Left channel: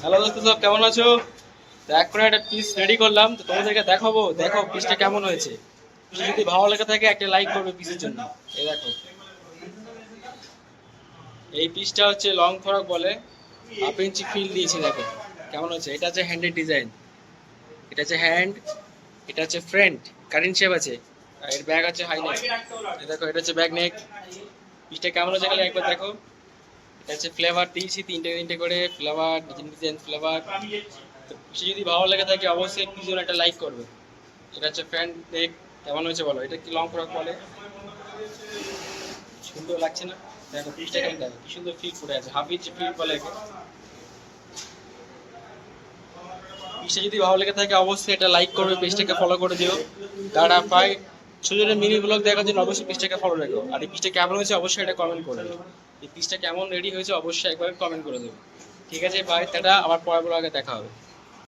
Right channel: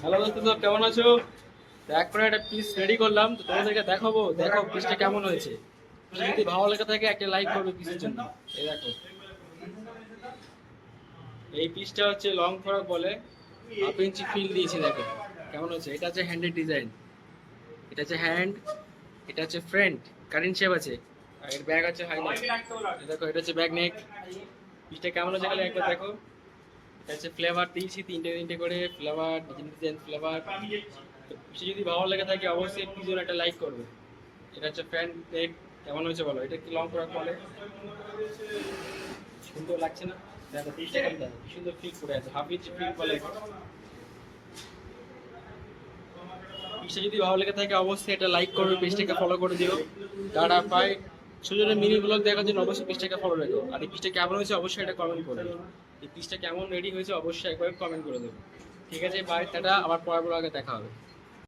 Hello দোস্ত, সব কেমন আছো? তো এখন একটা পিস রেডি করলাম, তো তোমাদেরকে দেখাবো। দেখো পিসটা কেমন হয়েছে। পিস যদি ভালো লেগে থাকে একটা লাইক করবে পিসের জন্য। এই দেখো, এই পিসটা হচ্ছে লং ফ্রক বলে, 1/2 ইঞ্চি ফিল দিয়েছি। দেখো কেমন হচ্ছে। এটা হচ্ছে হ্যান্ডের ডিজাইন, এটা হচ্ছে হ্যান্ড, এটা হচ্ছে ফ্রন্ট, কাটিং শেপ আছে। আর এর ব্যাগ আছে হাই নেক। দেখো এটা হচ্ছে ব্যাক নেক। পিসটা কেমন হচ্ছে খালি একবার দেখো। এটা হচ্ছে ফ্লেভার দিয়েছি, তিনটে তিনটে করে ফ্লেভার, ডিজাইন ডিজাইন ফ্লেভার। তো পিসে যদি ভালো লেগে থাকে অবশ্যই পিছনে একটা লাইক করবে। এটা হচ্ছে ফ্রন্ট নেক। কেমন হয়েছে বলো? এটা কি লং ফ্রক বলে, সুন্দর লাগছে না? দেখো পিসটা খালি দেখো কি সুন্দর ফিট করে আছে, 1/2 ইঞ্চি ফিট বলে একে। পিসটা যদি ভালো লেগে থাকে অবশ্যই এটা লাইক করবে, পেজটাকে ফলো করে দিও। Tata bye. সুযোগের মিনি ব্লগ দেখার জন্য অবশ্যই পেজটাকে ফলো রেখো। আর এই পিসটা কেমন হয়েছে অবশ্যই এটা কমেন্ট করবে। এই পিসটা কেমন রেডি হয়েছে অবশ্যই একবার কমেন্ট করে দেবে। ঠিক আছে, বাই, টাটা, আবার পরের ব্লগে দেখা হবে।